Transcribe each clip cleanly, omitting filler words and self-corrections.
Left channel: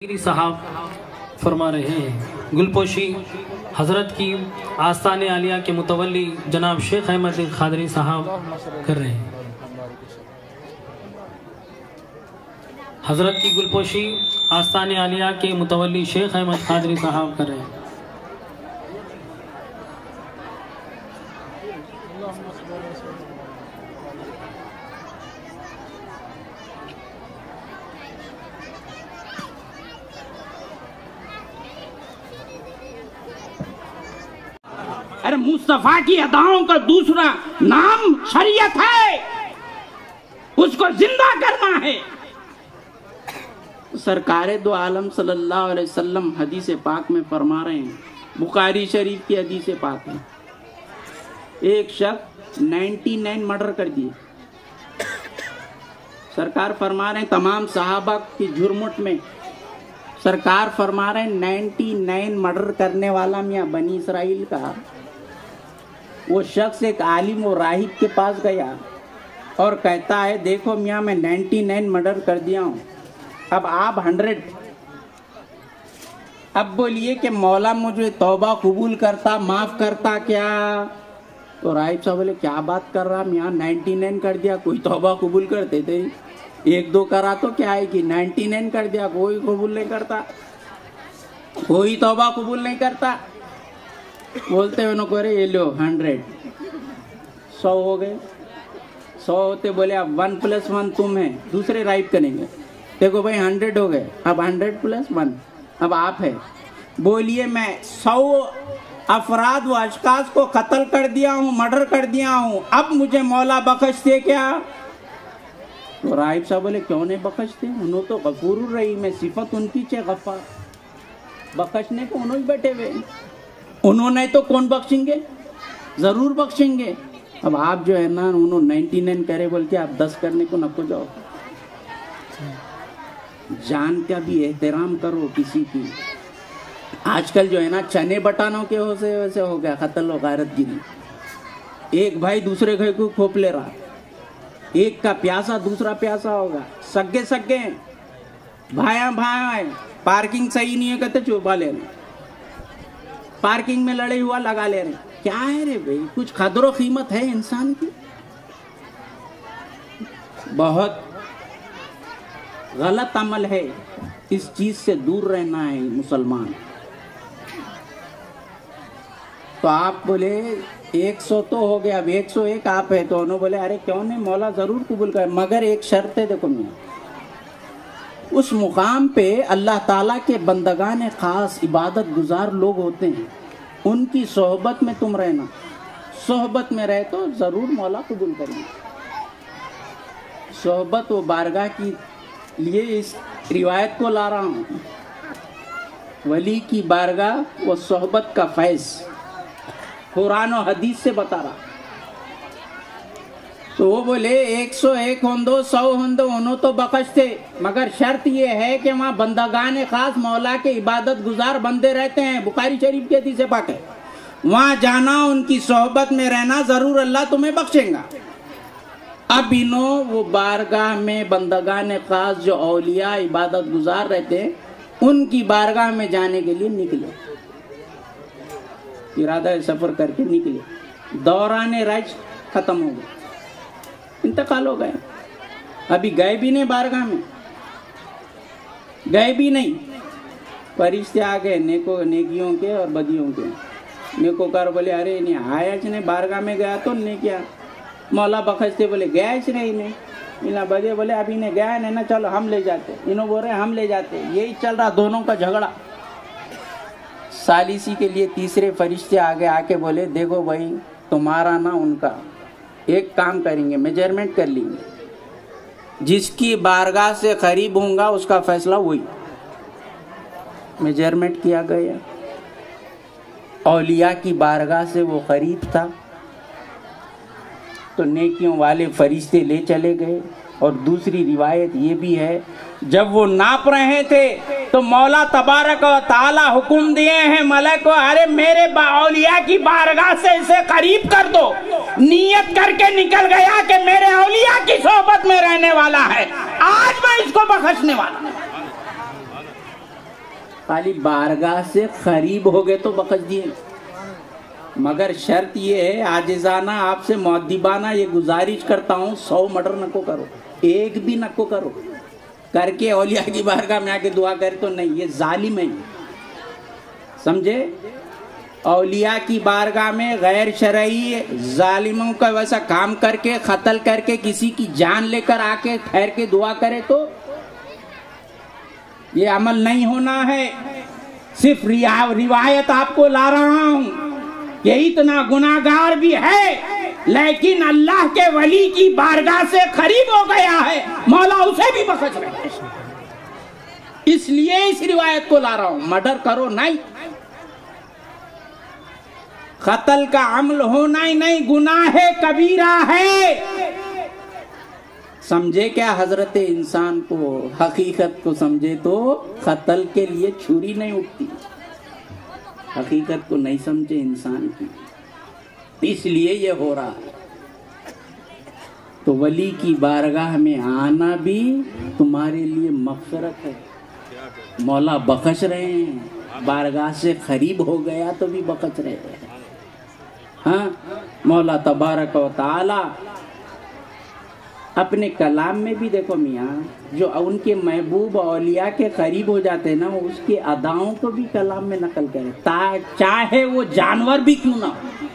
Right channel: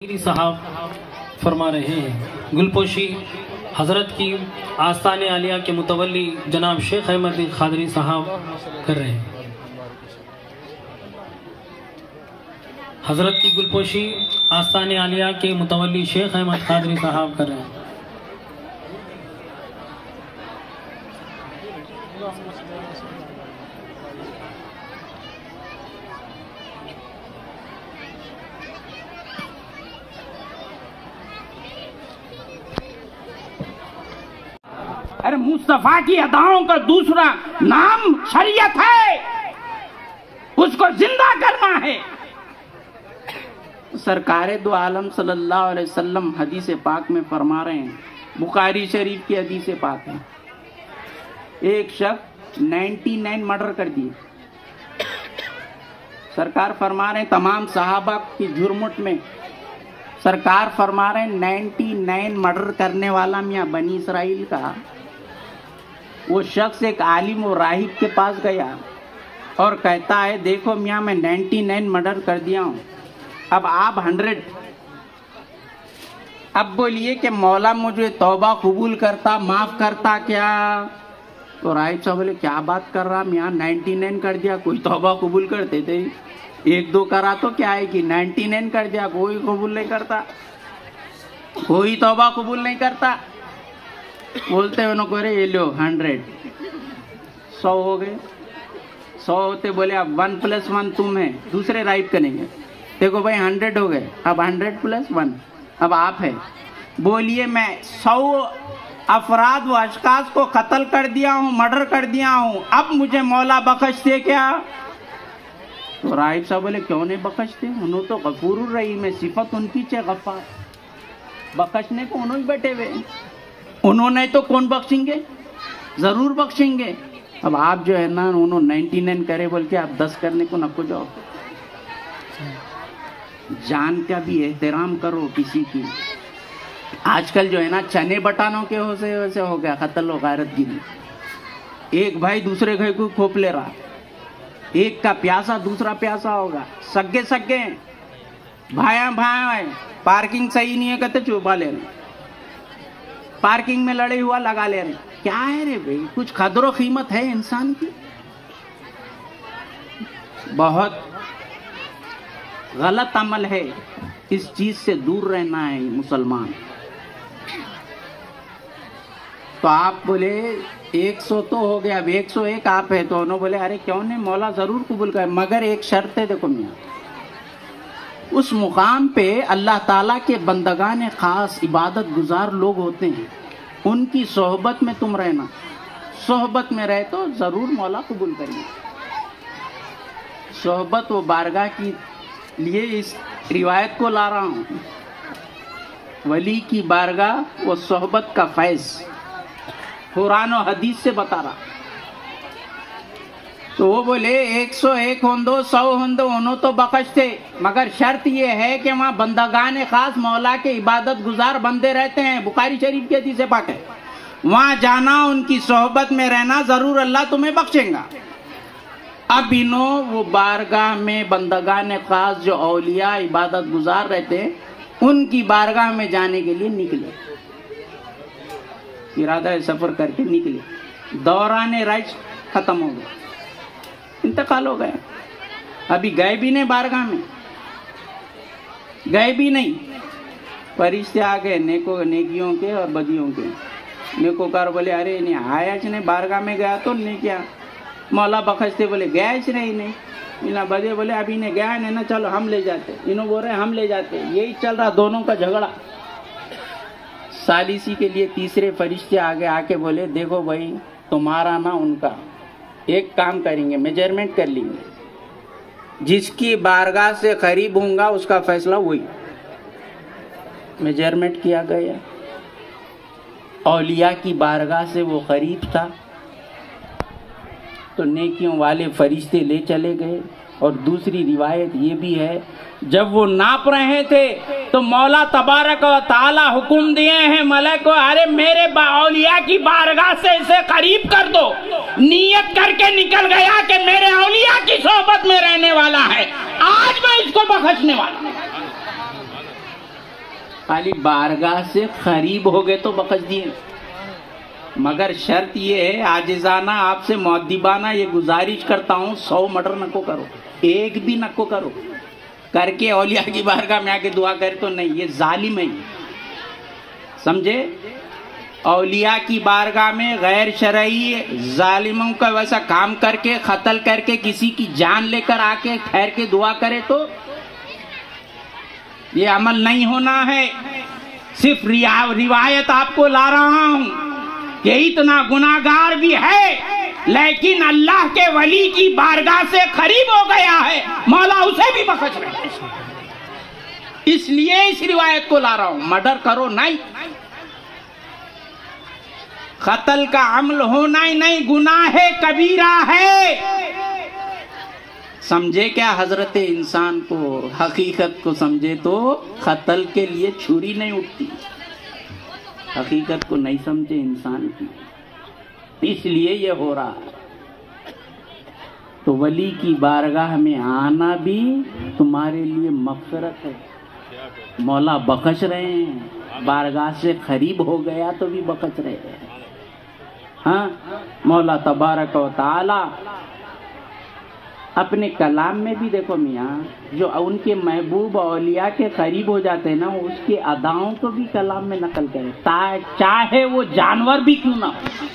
صاحب فرما رہے ہیں گلپوشی حضرت کی آستان عالیہ کے متولی جناب شیخ احمد قادری صاحب کر رہے ہیں۔ حضرت کی گلپوشی آستان عالیہ کے متولی شیخ احمد قادری صاحب کر رہے ہیں۔ ارے مصطفیٰ کی اداؤں کا دوسرا نام شریعت ہے، اس کو زندہ کرنا ہے۔ سرکار دو عالم صلی اللہ علیہ وسلم حدیث پاک میں فرما رہے ہیں، بخاری شریف کی حدیث پاک ہے، ایک شخص 99 مرڈر کر دیے۔ سرکار فرما رہے ہیں تمام صحابہ کی جھرمٹ میں، سرکار فرما رہے ہیں 99 مرڈر کرنے والا میاں بنی اسرائیل کا وہ شخص ایک عالم و راہب کے پاس گیا اور کہتا ہے دیکھو میاں میں 99 مرڈر کر دیا ہوں، اب آپ 100۔ اب بولیے کہ مولا مجھے توبہ قبول کرتا، معاف کرتا کیا؟ تو راہب صاحب بولے کیا بات کر رہا میاں، 99 کر دیا، کوئی توبہ قبول کرتے تھے؟ 1-2 کرا تو کیا ہے کہ 99 کر دیا، کوئی قبول نہیں کرتا، کوئی توبہ قبول نہیں کرتا۔ بولتے انہوں کو یہ لو 100 100 ہو گئے، 100 ہوتے بولے اب 1 + 1 تم ہے، دوسرے رائب کریں گے، دیکھو بھائی 100 ہو گئے، اب 100 + 1 اب آپ ہے۔ بولیے میں 100 افراد و اشخاص کو قتل کر دیا ہوں، مرڈر کر دیا ہوں، اب مجھے مولا بخش دے کیا؟ تو رائب صاحب بولے کیوں نہیں بخشتے، انہوں تو غفور الرحیم ہے، صفت ان کی چاہے غفار، بخشنے کو انہوں بیٹھے ہوئے، انہوں نے تو کون بخشیں گے، ضرور بخشیں گے۔ اب آپ جو ہے نا انہوں 99 کرے بول کے آپ 10 کرنے کو نہ جاؤ، جان کا بھی احترام کرو کسی کی۔ آج کل جو ہے نا چنے بٹانوں کے ویسے ہو گیا قتل و غارت گیری، ایک بھائی دوسرے بھائی کو کھوپ لے رہا، ایک کا پیاسا دوسرا پیاسا ہوگا، سگے بھائی پارکنگ صحیح نہیں ہے کہتے چوپا لے رہے، پارکنگ میں لڑے ہوا لگا لے رہے، کیا ہے رے بھائی، کچھ قدر و قیمت ہے انسان کی؟ بہت غلط عمل ہے، اس چیز سے دور رہنا ہے مسلمان۔ تو آپ بولے 100 تو ہو گیا، اب 101 آپ ہے، تو انہوں بولے ارے کیوں نہیں مولا ضرور قبول کرے، مگر ایک شرط ہے، دیکھو میاں اس مقام پہ اللہ تعالیٰ کے بندگان خاص عبادت گزار لوگ ہوتے ہیں، ان کی صحبت میں تم رہنا، صحبت میں رہے تو ضرور مولا قبول کریں گے۔ صحبت و بارگاہ کی لیے اس روایت کو لا رہا ہوں، ولی کی بارگاہ و صحبت کا فیض قرآن و حدیث سے بتا رہا۔ تو وہ بولے 101 ہندو 100 ہندو انہوں تو بخشتے، مگر شرط یہ ہے کہ وہاں بندگان خاص مولا کے عبادت گزار بندے رہتے ہیں، بخاری شریف کی حدیث پاک ہے، وہاں جانا، ان کی صحبت میں رہنا، ضرور اللہ تمہیں بخشیں گا۔ اب انہوں وہ بارگاہ میں بندگان خاص جو اولیاء عبادت گزار رہتے ہیں ان کی بارگاہ میں جانے کے لیے نکلے، ارادہ سفر کر کے نکلے، دوران رج ختم ہو گئے، انتقال ہو گئے، ابھی گئے بھی نہیں بارگاہ میں، گئے بھی نہیں، فرشتے آ گئے نیکیوں کے اور بدیوں کے، نیکوکار بولے ارے نہیں آیا نہیں بارگاہ میں گیا تو نہیں کیا، مولا بخشتے بولے گیا اس نہیں، بدے بولے ابھی نہیں گیا نہیں نا، چلو ہم لے جاتے، انہوں بول رہے ہم لے جاتے، یہی چل رہا دونوں کا جھگڑا۔ ثالثی کے لیے تیسرے فرشتے آگے آ کے بولے دیکھو بھائی تمہارا نا ان کا ایک کام کریں گے، میجرمنٹ کر لیں گے، جس کی بارگاہ سے قریب ہوں گا اس کا فیصلہ وہی۔ میجرمنٹ کیا گیا، اولیاء کی بارگاہ سے وہ قریب تھا تو نیکیوں والے فرشتے لے چلے گئے۔ اور دوسری روایت یہ بھی ہے جب وہ ناپ رہے تھے تو مولا تبارک و تعالی حکم دیے ہیں ملک کو، ارے میرے اولیاء کی بارگاہ سے اسے قریب کر دو، نیت کر کے نکل گیا کہ میرے اولیاء کی صحبت میں رہنے والا ہے، آج میں اس کو بخشنے والا ہوں۔ خالی بارگاہ سے قریب ہو گئے تو بخش دیے، مگر شرط یہ ہے عاجزانہ آپ سے مؤدبانہ یہ گزارش کرتا ہوں 100 مرڈر نکو کرو، ایک بھی نکو کرو، کر کے اولیاء کی بارگاہ میں آ کے دعا کرے تو نہیں، یہ ظالم ہے، سمجھے؟ اولیاء کی بارگاہ میں غیر شرعی ظالموں کا ویسا کام کر کے قتل کر کے کسی کی جان لے کر آ کے ٹھہر کے دعا کرے تو یہ عمل نہیں ہونا ہے۔ صرف روایت آپ کو لا رہا ہوں کہ اتنا گناہگار بھی ہے لیکن اللہ کے ولی کی بارگاہ سے قریب ہو گیا ہے، مولا اسے بھی بخش رہے ہیں، اس لیے اس روایت کو لا رہا ہوں۔ مرڈر کرو نہیں، قتل کا عمل ہونا ہی نہیں، گناہ کبیرہ ہے، سمجھے کیا؟ حضرت انسان کو حقیقت کو سمجھے تو قتل کے لیے چھری نہیں اٹھتی، حقیقت کو نہیں سمجھے انسان کی، اس لیے یہ ہو رہا ہے۔ تو ولی کی بارگاہ میں آنا بھی تمہارے لیے مغفرت ہے، مولا بخش رہے ہیں، بارگاہ سے قریب ہو گیا تو بھی بخش رہے ہیں۔ ہاں، مولا تبارک و تعالی اپنے کلام میں بھی دیکھو میاں، جو ان کے محبوب اولیاء کے قریب ہو جاتے ہیں نا، اس کے اداؤں کو بھی کلام میں نقل کرے، چاہے وہ جانور بھی کیوں نہ ہو۔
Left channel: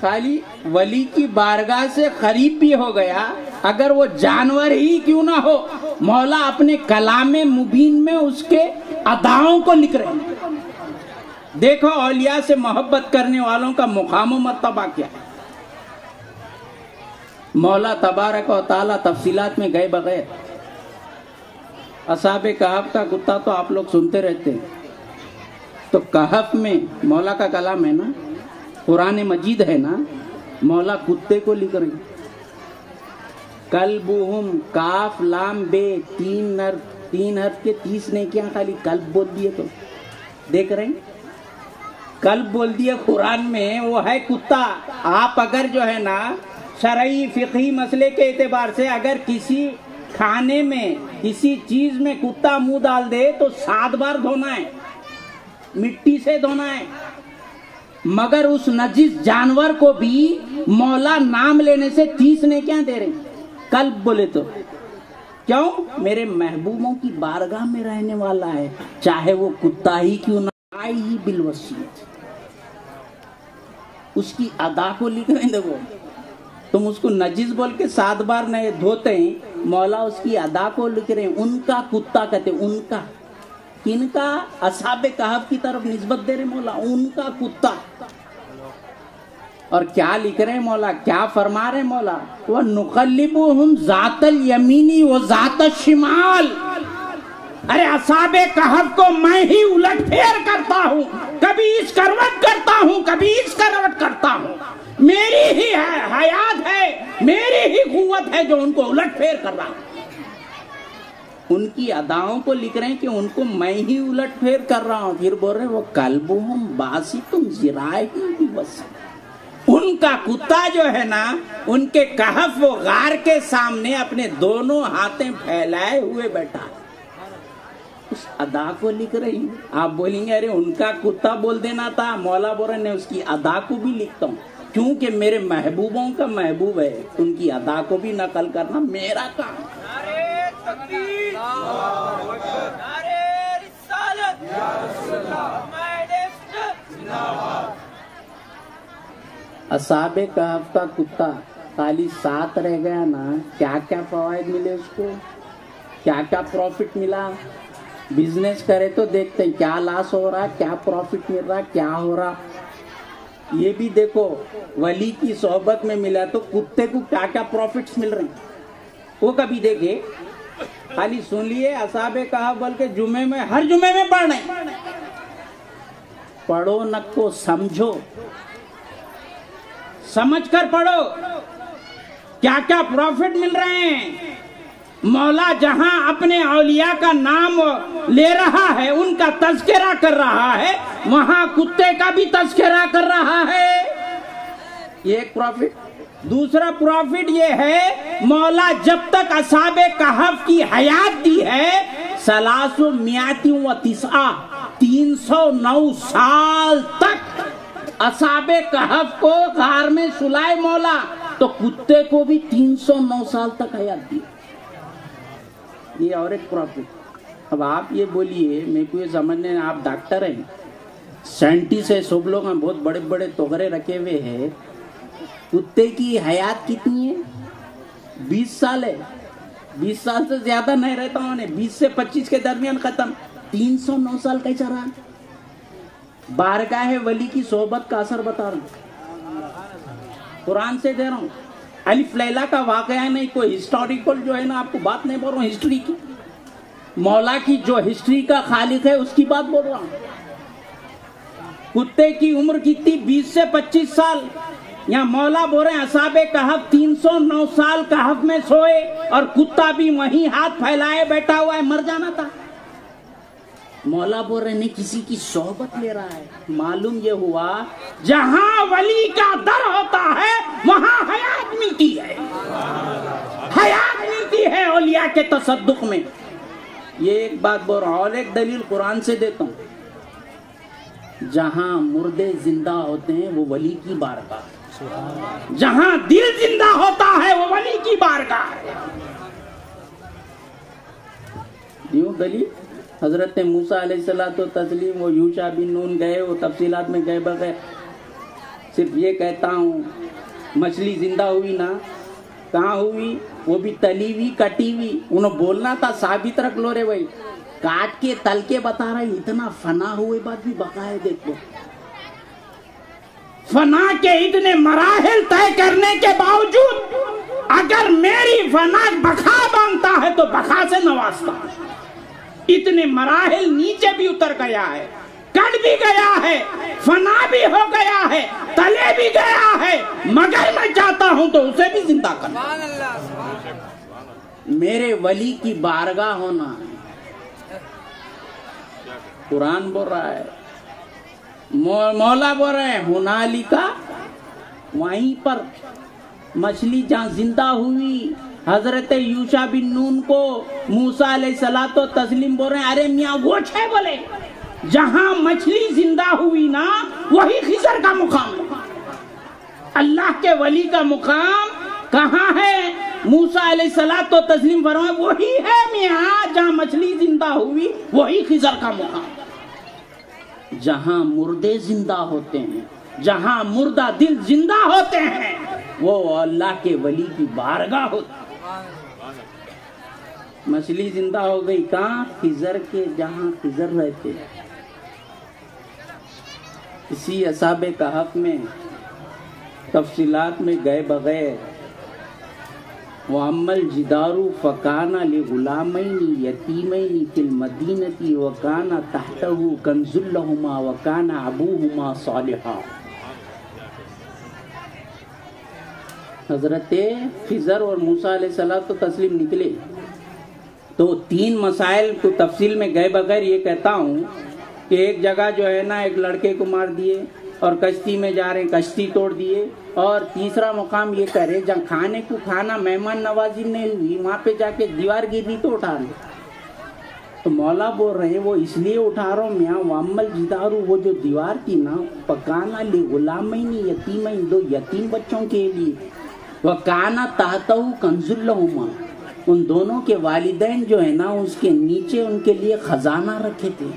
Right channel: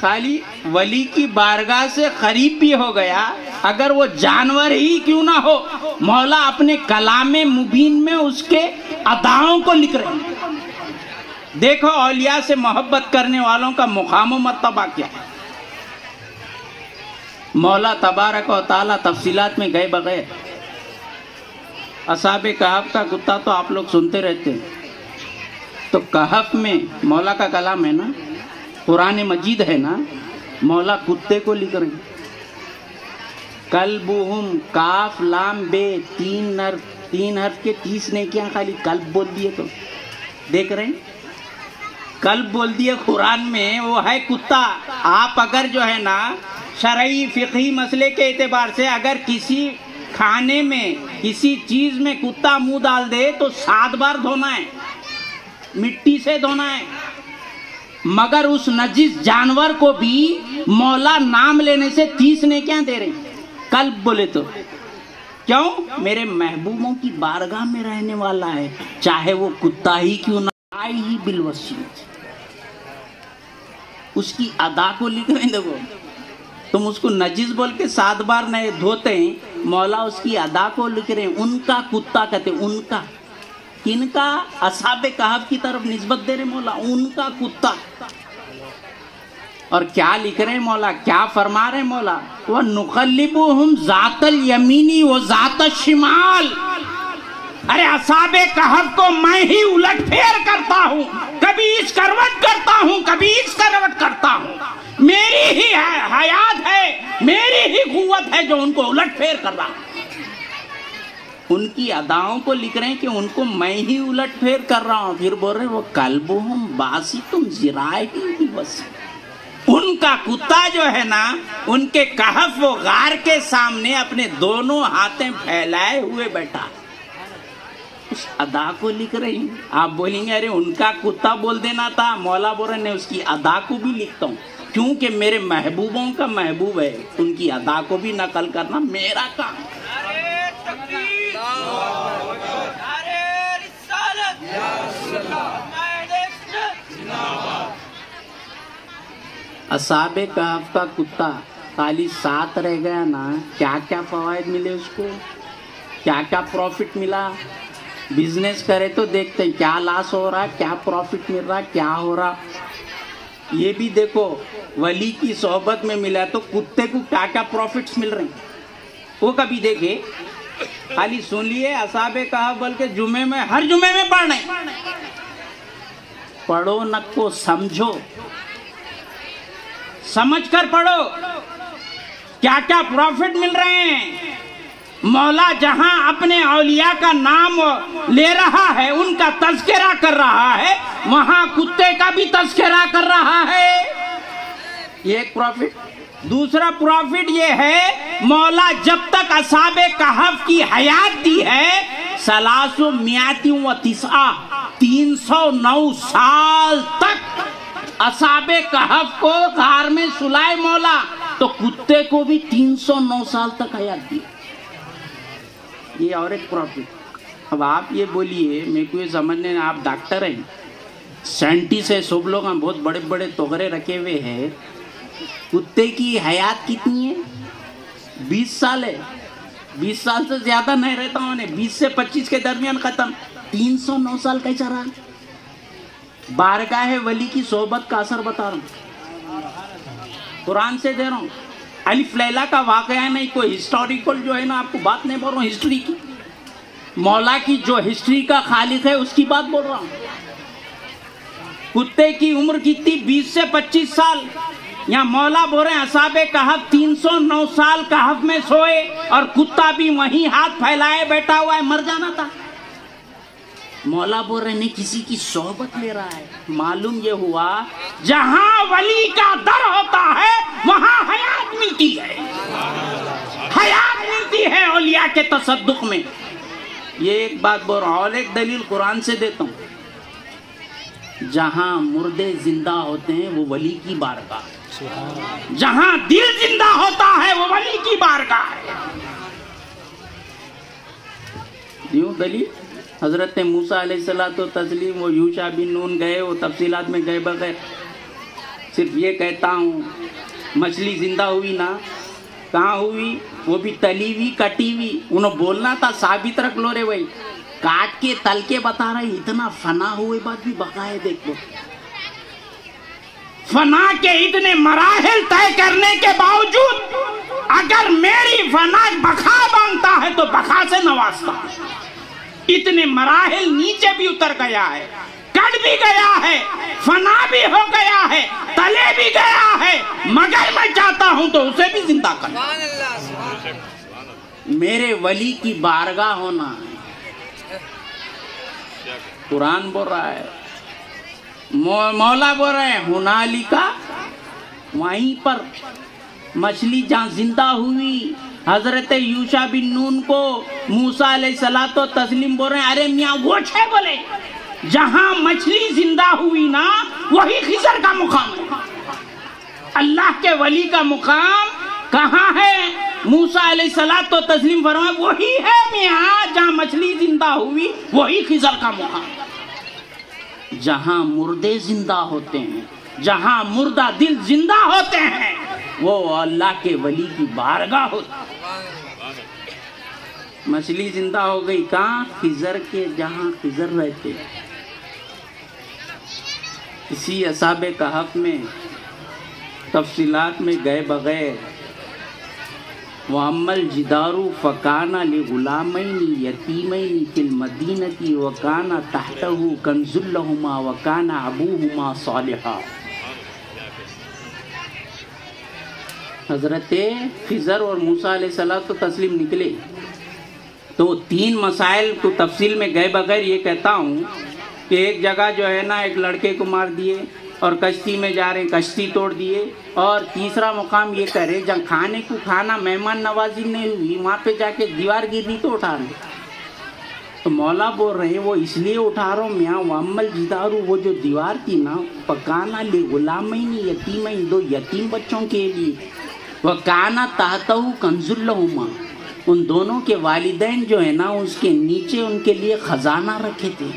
خالی ولی کی بارگاہ سے قریب بھی ہو گیا، اگر وہ جانور ہی کیوں نہ ہو، مولا اپنے کلام مبین میں اس کے اداؤں کو لکھ رہے ہیں۔ دیکھو اولیاء سے محبت کرنے والوں کا مقام و مرتبہ کیا ہے۔ مولا تبارک و تعالی تفصیلات میں گئے بغیر، اصحاب کہف کا کتا تو آپ لوگ سنتے رہتے ہیں، تو کہف میں مولا کا کلام ہے نا، قرآن مجید ہے نا، مولا کتے کو لکھ رہے ہیں۔ کلبہم کاف لام بے، تین حرف کے 30 نے کیا، خالی کلب بول دیے تو دیکھ رہے ہیں، کلب بول دیے قرآن میں، وہ ہے کتا۔ آپ اگر جو ہے نا شرعی فقہی مسئلے کے اعتبار سے اگر کسی کھانے میں کسی چیز میں کتا منہ ڈال دے تو 7 بار دھونا ہے، مٹی سے دھونا ہے، مگر اس نجس جانور کو بھی مولا نام لینے سے 30 نے کیا دے رہے ہیں، کلب بولے تو۔ کیوں؟ میرے محبوبوں کی بارگاہ میں رہنے والا ہے، چاہے وہ کتا ہی کیوں نہ آئی ہی بالوسیلہ، اس کی ادا کو لکھ رہے ہیں۔ دیکھو تم اس کو نجس بول کے 7 بار نہیں دھوتے ہیں، مولا اس کی ادا کو لکھ رہے ہیں۔ ان کا کتا کہتے ہیں، ان کا، کن کا؟ اصحاب کہف کی طرف نسبت دے رہے مولا، ان کا کتا۔ اور کیا لکھ رہے مولا، کیا فرما رہے مولا، وَنُقَلِّبُهُمْ ذَاتَ الْيَمِينِ وَذَاتَ الشِّمَالِ۔ ارے اصحاب کہف کو میں ہی الٹ پھیر کرتا ہوں، کبھی اس کروٹ کرتا ہوں، کبھی اس کروٹ کرتا ہوں، میری ہی حیات ہے، میری ہی قوت ہے جو ان کو الٹ پھیر کر رہا ہے۔ ان کی اداؤں کو لکھ رہے ہیں کہ ان کو میں ہی الٹ پھیر کر رہا ہوں، پھر بول رہے ہیں وہ کلبہم باسطٌ ذراعیہ بالوصیل۔ ان کا کتا جو ہے نا، ان کے کہف و غار کے سامنے اپنے دونوں ہاتھیں پھیلائے ہوئے بیٹھا، اس ادا کو لکھ رہی ہیں۔ آپ بولیں گے ارے ان کا کتا بول دینا تھا، مولا بول رہے ہیں اس کی ادا کو بھی لکھتا ہوں، کیونکہ میرے محبوبوں کا محبوب ہے، ان کی ادا کو بھی نقل کرنا میرا کام۔ اصحاب کہف کا کتا خالی 7 رہ گیا نا، کیا کیا فوائد ملے اس کو، کیا کیا پروفٹ ملا۔ بزنس کرے تو دیکھتے ہیں کیا لاس ہو رہا ہے، کیا پروفٹ مل رہا ہے، کیا ہو رہا۔ یہ بھی دیکھو ولی کی صحبت میں ملا تو کتے کو کیا کیا پروفٹس مل رہے ہیں، وہ کبھی دیکھے؟ خالی سن لیے اصحاب کہف بلکہ جمعے میں، ہر جمعے میں پڑھنے، پڑھو نہ کو سمجھو، سمجھ کر پڑھو کیا کیا پروفٹ مل رہے ہیں۔ مولا جہاں اپنے اولیاء کا نام لے رہا ہے، ان کا تذکرہ کر رہا ہے، وہاں کتے کا بھی تذکرہ کر رہا ہے، یہ ایک پروفٹ۔ دوسرا پروفٹ یہ ہے، مولا جب تک اصحاب کہف کی حیات دی ہے، 309 سال تک اصحابِ کہف کو غار میں سلائے مولا، تو کتے کو بھی 309 سال تک حیات دی. یہ اور ایک پروفٹ. اب آپ یہ بولیے، میرے کو یہ سمجھنے، آپ ڈاکٹر ہیں، سائنٹسٹ ہے، سب لوگ ہم بہت بڑے بڑے توغرے رکھے ہوئے ہیں. کتے کی حیات کتنی ہے؟ 20 سال ہے. 20 سال سے زیادہ نہیں رہتا ہوں نے، 20 سے 25 کے درمیان ختم. 309 سال کیسا رہا؟ بارگاہ ولی کی صحبت کا اثر بتا رہا ہوں، قرآن سے دے رہا ہوں. الف لیلا کا واقعہ نہیں، کوئی ہسٹوریکل جو ہے نا، آپ کو بات نہیں بول رہا ہوں ہسٹری کی، مولا کی جو ہسٹری کا خالق ہے اس کی بات بول رہا ہوں. کتے کی عمر کتنی؟ 20 سے 25 سال. یہاں مولا بول رہے ہیں اصحابِ کہف 309 سال کہف میں سوئے، اور کتا بھی وہیں ہاتھ پھیلائے بیٹھا ہوا ہے، مر جانا تھا. مولا بول رہے ہیں کسی کی صحبت لے رہا ہے. معلوم یہ ہوا جہاں ولی کا در ہوتا ہے وہاں حیات ملتی ہے، حیات ملتی ہے اولیاء کے تصدق میں. یہ ایک بات بول رہا ہوں. اور ایک دلیل قرآن سے دیتا ہوں. جہاں مردے زندہ ہوتے ہیں وہ ولی کی بارگاہ، جہاں دل زندہ ہوتا ہے وہ ولی کی بارگاہ ہے. یوں دلیل حضرت موسیٰ علیہ الصلوۃ والتسلیم، وہ یوشع بن نون گئے، وہ تفصیلات میں گئے بغیر صرف یہ کہتا ہوں مچھلی زندہ ہوئی نا، کہاں ہوئی؟ وہ بھی تلی ہوئی کٹی ہوئی. انہوں بولنا تھا ثابت رکھ لو رے بھائی، کاٹ کے تل کے بتا رہے ہیں. اتنا فنا ہوئے بعد بھی بقائے دیکھو، فنا کے اتنے مراحل طے کرنے کے باوجود اگر میری فنا بقا مانگتا ہے تو بقا سے نوازتا. اتنے مراحل نیچے بھی اتر گیا ہے، کٹ بھی گیا ہے، فنا بھی ہو گیا ہے، تلے بھی گیا ہے، مگر میں چاہتا ہوں تو اسے بھی زندہ کرنا. میرے ولی کی بارگاہ ہونا ہے. قرآن بول رہا ہے، مولا بول رہے ہیں ہنالکا، وہیں پر مچھلی جہاں زندہ ہوئی. حضرت یوشع بن نون کو موسیٰ علیہ الصلوۃ والتسلیم بول رہے ہیں ارے میاں وہ ہے بولے، جہاں مچھلی زندہ ہوئی نا وہی خضر کا مقام ہے. اللہ کے ولی کا مقام کہاں ہے؟ موسیٰ علیہ الصلوۃ والتسلیم فرمایا وہی ہے میاں، جہاں مچھلی زندہ ہوئی وہی خضر کا مقام. جہاں مردے زندہ ہوتے ہیں، جہاں مردہ دل زندہ ہوتے ہیں، وہ اللہ کے ولی کی بارگاہ ہوتی. مچھلی زندہ ہو گئی کہاں؟ خضر کے، جہاں خضر رہتے. اسی اصحابِ کہف میں تفصیلات میں گئے بغیر وَأَمَّا الْجِدَارُ فَكَانَ لِغُلَامَيْنِ يَتِيمَيْنِ فِي الْمَدِينَةِ وَكَانَ تَحْتَهُ كَنْزٌ لَهُمَا وَكَانَ أَبُوهُمَا صَالِحًا. حضرت خضر اور موسیٰ علیہ الصلوۃ والتسلیم نکلے تو 3 مسائل کو تفصیل میں گئے بغیر یہ کہتا ہوں کہ ایک جگہ جو ہے نا ایک لڑکے کو مار دیے اور کشتی میں جا رہے کشتی توڑ دیے. اور تیسرا مقام یہ کرے جہاں کھانے کو کھانا مہمان نوازی نہیں ہوئی وہاں پہ جا کے دیوار گری تو اٹھا رہے. تو مولا بول رہے ہیں وہ اس لیے اٹھا رہا ہوں میاں وَأَمَّا الْجِدَارُ، وہ جو دیوار تھی نا فَكَانَ لِغُلَامَيْنِ یتیمین، 2 یتیم بچوں کے لیے، وَكَانَ تَحْتَهُ كَنْزٌ لَهُمَا، ان دونوں کے والدین جو ہے نا اس کے نیچے ان کے لیے خزانہ رکھے تھے،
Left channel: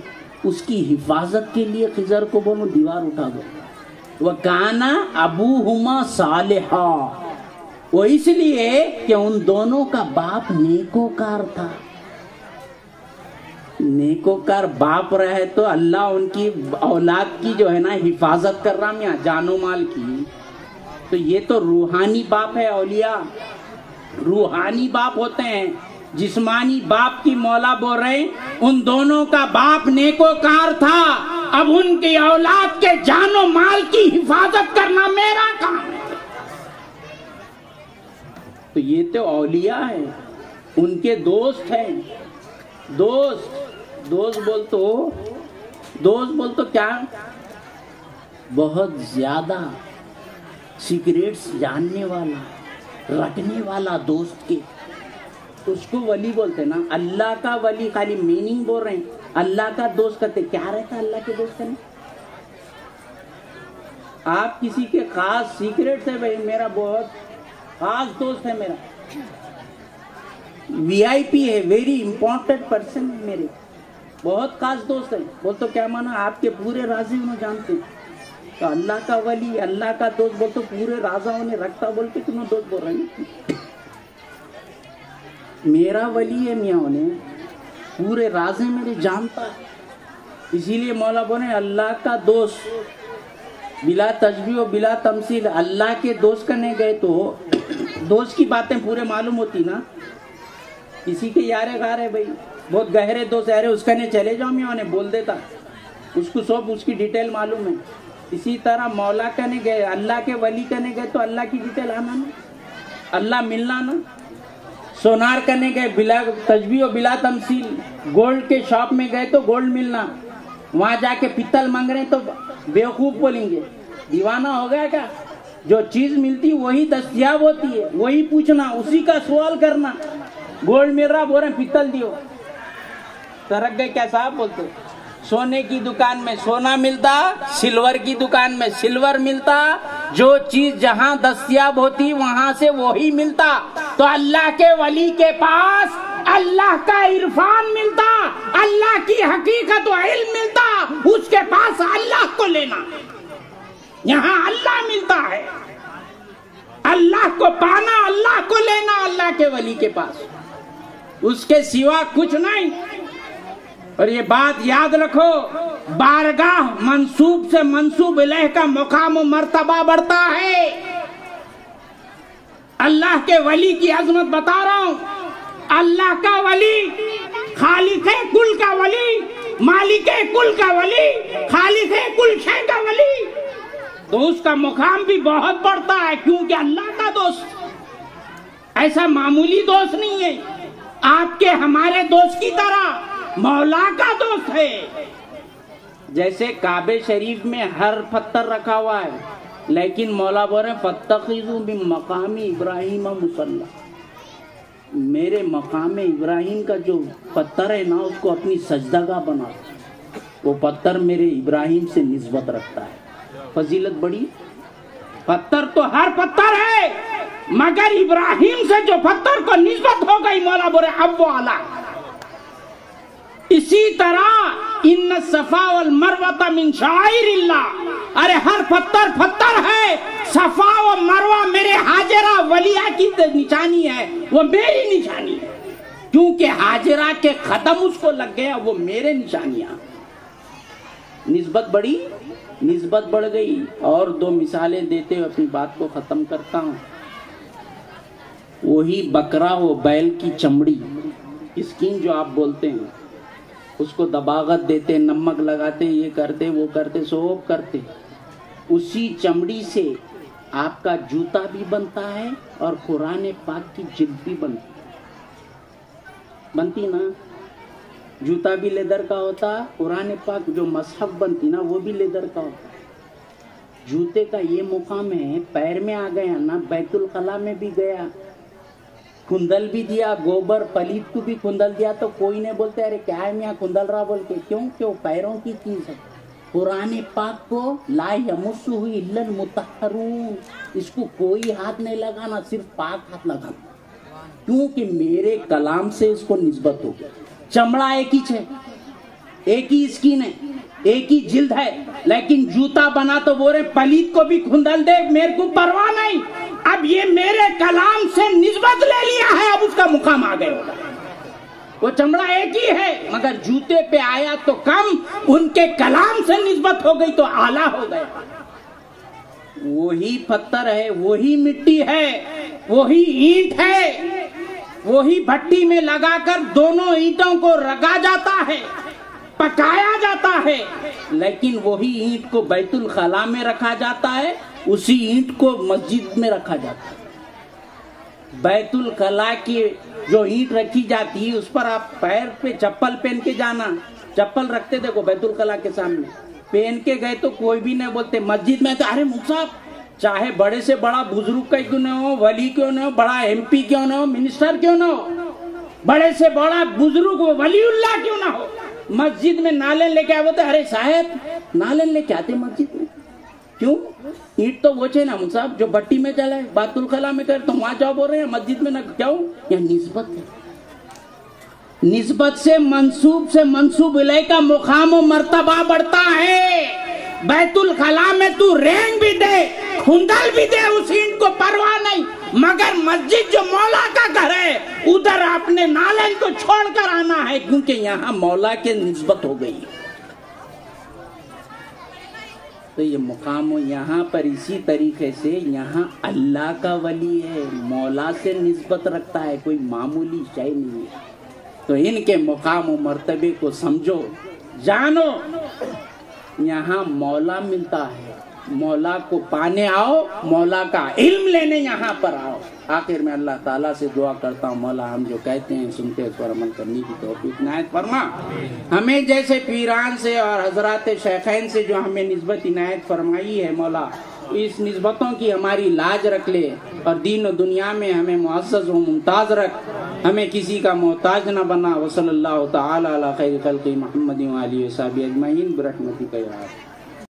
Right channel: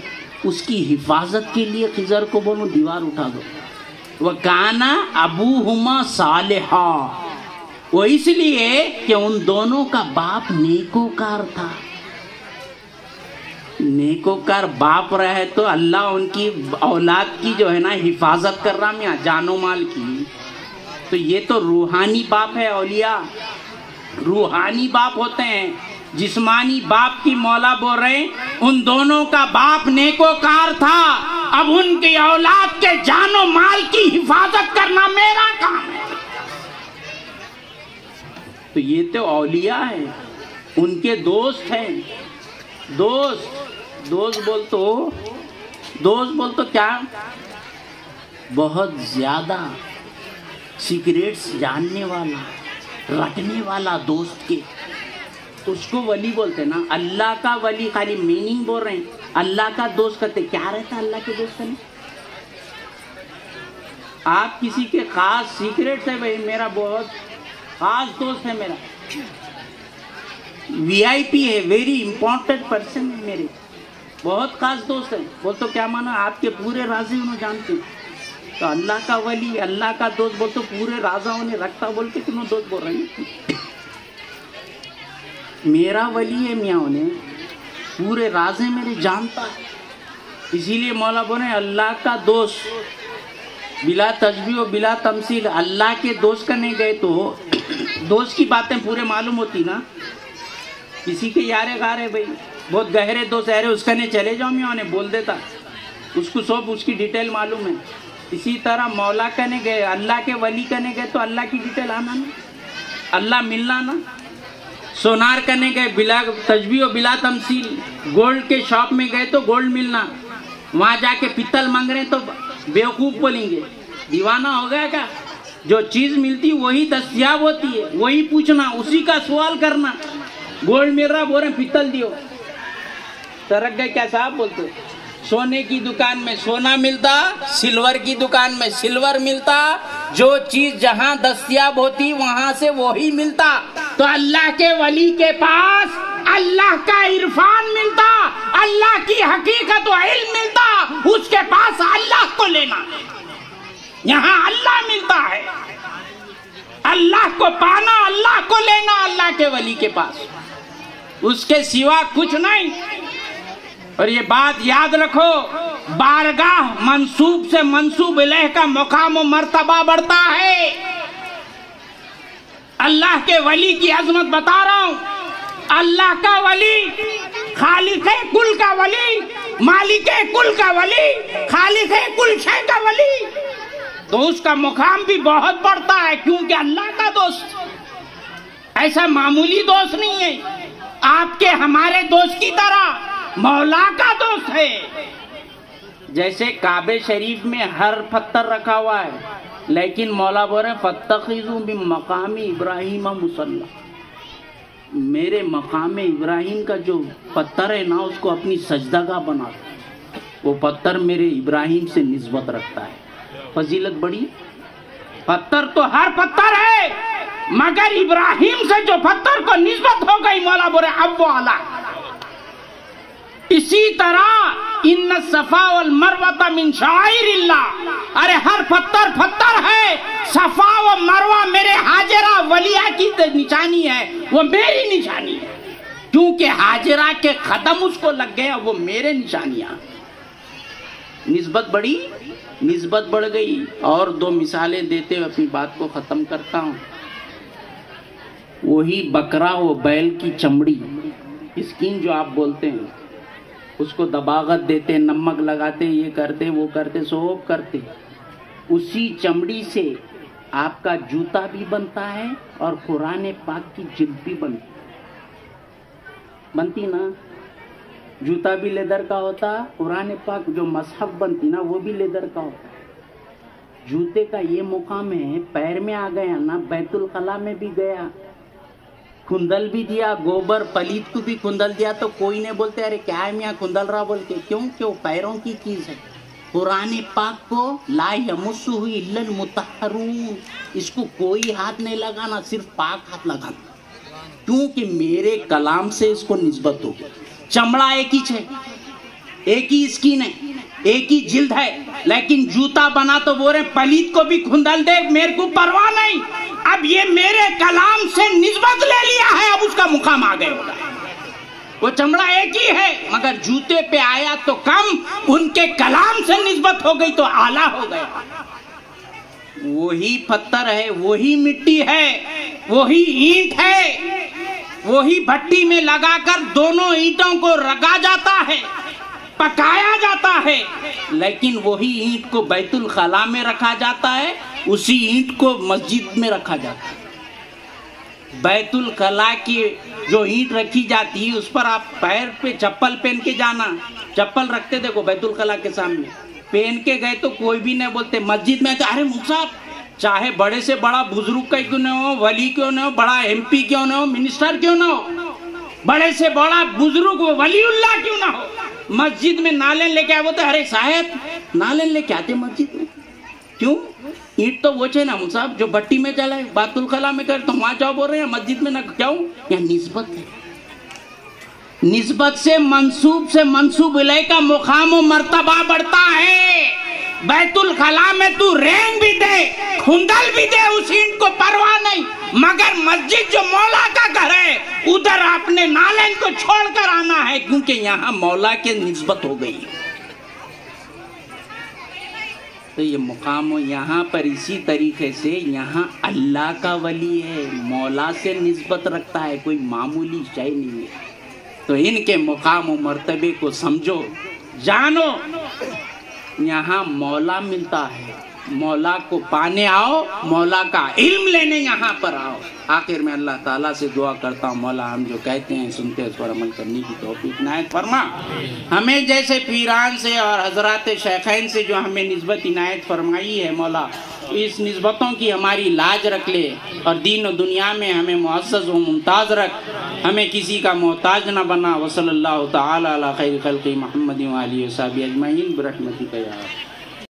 اس کی حفاظت کے لیے خضر کو بولو دیوار اٹھا دو. وَكَانَ أَبُوهُمَا صَالِحًا، وہ اس لیے کہ ان دونوں کا باپ نیکوکار تھا. نیکوکار باپ رہے تو اللہ ان کی اولاد کی جو ہے نا حفاظت کر رہا میاں جان و مال کی. تو یہ تو روحانی باپ ہے. اولیاء روحانی باپ ہوتے ہیں. جسمانی باپ کی مولا بول رہے ہیں ان دونوں کا باپ نیکوکار تھا، اب ان کی اولاد کے جان و مال کی حفاظت کرنا میرا کام ہے. تو یہ تو اولیاء ہیں، ان کے دوست ہیں. دوست بول تو کیا بہت زیادہ سیکریٹس جاننے والا رکھنے والا دوست کے. اس کو ولی بولتے نا. اللہ کا ولی خالی میننگ بول رہے ہیں, اللہ کا دوست کرتے. کیا رہتا اللہ کے دوست کرنے؟ آپ کسی کے خاص سیکریٹ ہے بھائی, میرا بہت خاص دوست ہے, میرا وی آئی پی ہے, ویری امپورٹنٹ پرسن ہے, میرے بہت خاص دوست ہے. وہ تو کیا مانا آپ کے پورے رازیں انہوں جانتے ہیں. تو اللہ کا ولی, اللہ کا دوست بول تو پورے رازہ انہیں رکھتا بول کے تمہیں دوست بول رہے ہیں. میرا ولی ہے میاں, انہیں پورے رازے میرے جانتا ہے. اسی لیے مولا بولے اللہ کا دوست بلا تشبیہ و بلا تمثیل. اللہ کے دوست کرنے گئے تو دوست کی باتیں پورے معلوم ہوتی نا. کسی کے یارے گارے بھائی بہت گہرے دوست ہے, اس کنے چلے جاؤ میاں انہیں بول دیتا, اس کو سب اس کی ڈیٹیل معلوم ہے. اسی طرح مولا کنے گئے, اللہ کے ولی کنے گئے تو اللہ کی ڈیٹیل آنا نا, اللہ ملنا نا. سونار کرنے گئے بلا تشبیہ و بلا تمثیل. گولڈ کے شاپ میں گئے تو گولڈ ملنا, وہاں جا کے پتل مانگ رہے تو بیوقوف بولیں گے, دیوانہ ہو گیا کیا؟ جو چیز ملتی وہی دستیاب ہوتی ہے, وہی پوچھنا, اسی کا سوال کرنا. گولڈ مل رہا بول رہے پتل دیو, سرک گئے کیا صاحب بولتے. سونے کی دکان میں سونا ملتا, سلور کی دکان میں سلور ملتا. جو چیز جہاں دستیاب ہوتی وہاں سے وہی ملتا. تو اللہ کے ولی کے پاس اللہ کا عرفان ملتا, اللہ کی حقیقت و علم ملتا. اس کے پاس اللہ کو لینا, یہاں اللہ ملتا ہے. اللہ کو پانا, اللہ کو لینا, اللہ کے ولی کے پاس, اس کے سوا کچھ نہیں. اور یہ بات یاد رکھو, بارگاہ منسوب سے منسوب الیہ کا مقام و مرتبہ بڑھتا ہے. اللہ کے ولی کی عظمت بتا رہا ہوں. اللہ کا ولی خالق کل کا ولی, مالک کل کا ولی, خالق کل شے کا ولی, تو اس کا مقام بھی بہت بڑھتا ہے, کیونکہ اللہ کا دوست ایسا معمولی دوست نہیں ہے. آپ کے ہمارے دوست کی طرح مولا کا دوست ہے. جیسے کعبے شریف میں ہر پتھر رکھا ہوا ہے, لیکن مولا بول رہے فاتخذوا من مقام ابراہیم مصلی. میرے مقام ابراہیم کا جو پتھر ہے نا, اس کو اپنی سجدگاہ بنا. وہ پتھر میرے ابراہیم سے نسبت رکھتا ہے. فضیلت بڑی. پتھر تو ہر پتھر ہے, مگر ابراہیم سے جو پتھر کو نسبت ہو گئی مولا بول رہے اب وہ اعلیٰ. اسی طرح ان الصفا والمروہ من شعائر اللہ. ارے ہر پتھر پتھر ہے, صفا و مروہ میرے حاجرہ ولیہ کی نشانی ہے, وہ میری نشانی ہے. کیونکہ حاجرہ کے قدم اس کو لگ گیا, وہ میرے نشانیاں. نسبت بڑی, نسبت بڑھ گئی. اور دو مثالیں دیتے ہوئے اپنی بات کو ختم کرتا ہوں. وہی بکرا و بیل کی چمڑی, اسکن جو آپ بولتے ہیں, اس کو دباغت دیتے, نمک لگاتے, یہ کرتے وہ کرتے, سوب کرتے. اسی چمڑی سے آپ کا جوتا بھی بنتا ہے اور قرآن پاک کی جلد بھی بنتی نا. جوتا بھی لیدر کا ہوتا, قرآن پاک جو مصحف بنتی نا وہ بھی لیدر کا ہوتا. جوتے کا یہ مقام ہے, پیر میں آ گیا نا, بیت الخلا میں بھی گیا, کھندل بھی دیا, گوبر پلیت کو بھی کھندل دیا, تو کوئی نہیں بولتے ارے کیا ہے میاں کھندل رہا بول کے. کیوں کہ وہ پیروں کی چیز ہے. قرآن پاک کو لا یمسہ الا المطہرون, اس کو کوئی ہاتھ نہیں لگانا, صرف پاک ہاتھ لگانا. کیونکہ میرے کلام سے اس کو نسبت ہو گئی. چمڑا ایک ہی ہے, ایک ہی اسکن ہے, ایک ہی جلد ہے, لیکن جوتا بنا تو بول رہے پلیت کو بھی کھندل دے, میرے کو پرواہ نہیں. اب یہ میرے کلام سے نسبت لے لیا ہے, اب اس کا مقام آ گئے ہوگا. وہ چمڑا ایک ہی ہے, مگر جوتے پہ آیا تو کم, ان کے کلام سے نسبت ہو گئی تو اعلیٰ ہو گئے. وہی پتھر ہے, وہی مٹی ہے, وہی اینٹ ہے, وہی بھٹی میں لگا کر دونوں اینٹوں کو رگا جاتا ہے, پکایا جاتا ہے, لیکن وہی اینٹ کو بیت الخلا میں رکھا جاتا ہے, اسی اینٹ کو مسجد میں رکھا جاتا ہے. بیت الخلا کی جو اینٹ رکھی جاتی ہے اس پر آپ پیر پہ چپل پہن کے جانا, چپل رکھتے دیکھو بیت الخلا کے سامنے, پہن کے گئے تو کوئی بھی نہیں بولتے. مسجد میں تو ارے مصعب چاہے بڑے سے بڑا بزرگ کا کیوں نہ ہو, ولی کیوں نہ ہو, بڑا ایم پی کیوں نہ ہو, منسٹر کیوں نہ ہو, بڑے سے بڑا بزرگ وہ ولی اللہ کیوں نہ ہو، مسجد میں نالن لے کے آئے، وہ تو ارے صاحب نالن لے کے آتے مسجد میں کیوں؟ اینٹ تو وہ نا صاحب جو بٹی میں چلے بیت الخلا میں کر، تو وہاں جاؤ بول رہے ہیں مسجد میں نہ کیوں؟ یہ نسبت ہے، نسبت سے منسوب الیہ کا مقام و مرتبہ بڑھتا ہے۔ بیت الخلا میں تو رینگ بھی دے کھنڈل بھی دے اس اینٹ کو پرواہ نہیں، مگر مسجد جو مولا کا گھر ہے ادھر اپنے نالن کو چھوڑ کر آنا ہے، کیونکہ یہاں مولا کی نسبت ہو گئی۔ تو یہ مقام و یہاں پر اسی طریقے سے یہاں اللہ کا ولی ہے، مولا سے نسبت رکھتا ہے، کوئی معمولی شے نہیں ہے۔ تو ان کے مقام و مرتبے کو سمجھو، جانو، یہاں مولا ملتا ہے، مولا کو پانے آؤ، مولا کا علم لینے یہاں پر آؤ۔ آخر میں اللہ تعالیٰ سے دعا کرتا ہوں، مولا ہم جو کہتے ہیں سنتے ہیں اس پر عمل کرنے کی توفیق عنایت فرما، ہمیں جیسے پیران سے اور حضرات شیخین سے جو ہمیں نسبت عنایت فرمائی ہے مولا، اس نسبتوں کی ہماری لاج رکھ لے، اور دین و دنیا میں ہمیں معزز و ممتاز رکھ، ہمیں کسی کا محتاج نہ بنا۔ وصلی اللہ تعالی علی خیر خلق محمد و آلہ و صحبہ اجمعین برحمتک یا